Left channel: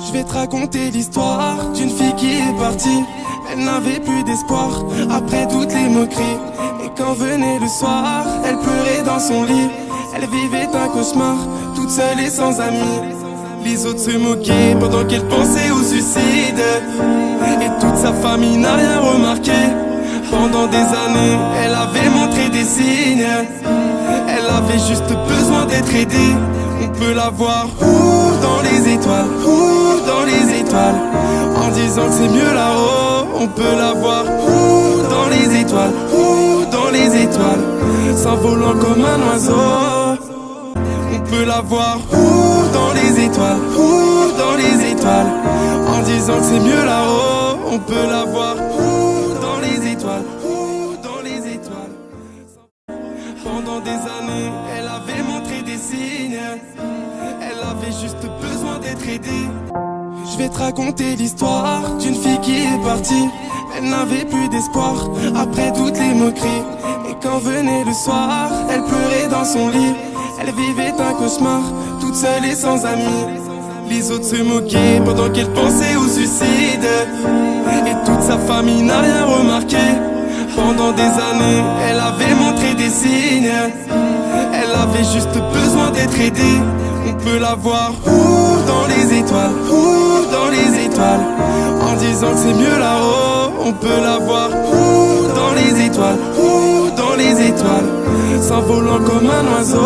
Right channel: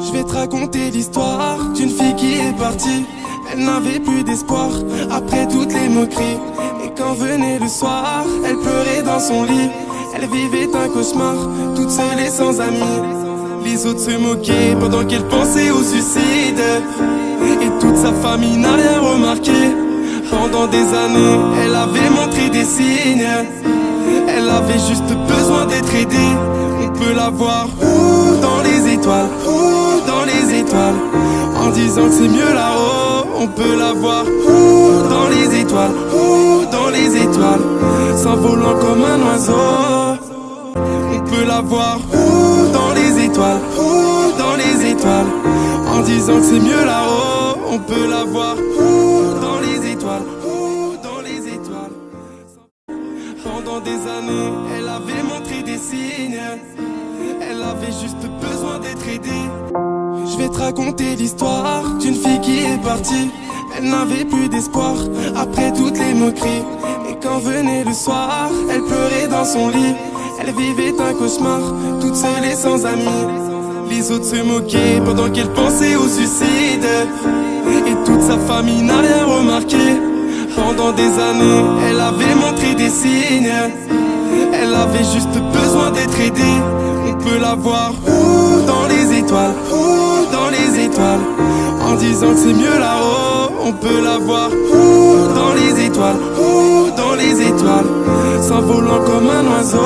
Je vais te raconter l'histoire d'une fille qui est partie. Elle n'avait plus d'espoir après toutes les moqueries. Et quand venait le soir, elle pleurait dans son lit. Elle vivait un cauchemar, toute seule et sans amis. Les autres se moquaient pendant qu'elle pensait au suicide. Et toute sa famille n'a rien remarqué. Pendant des années, elle avait montré des signes. Elle avait juste besoin d'être aidée. On peut la voir où dans les étoiles, où dans les étoiles. En disant que c'est mieux là-haut. On peut la voir où dans les étoiles, où dans les étoiles. S'envolant comme un oiseau. On peut la voir où dans les étoiles, où dans les étoiles. En disant que c'est mieux là-haut. On peut la voir où dans les étoiles, où dans les étoiles. Pendant des années, elle avait montré des signes. Elle avait juste besoin d'être aidée. Je vais te raconter l'histoire d'une fille qui est partie. Elle n'avait plus d'espoir après toutes les moqueries. Et quand venait le soir, elle pleurait dans son lit. Elle vivait un cauchemar, toute seule et sans amis. Les autres se moquaient pendant qu'elle pensait au suicide. Et toute sa famille n'a rien remarqué. Pendant des années, elle avait montré des signes. Elle avait juste besoin d'être aidée. On peut la voir où dans les étoiles, où dans les étoiles. En disant que c'est mieux là-haut. On peut la voir où dans les étoiles, où dans les étoiles. S'envolant comme un oiseau.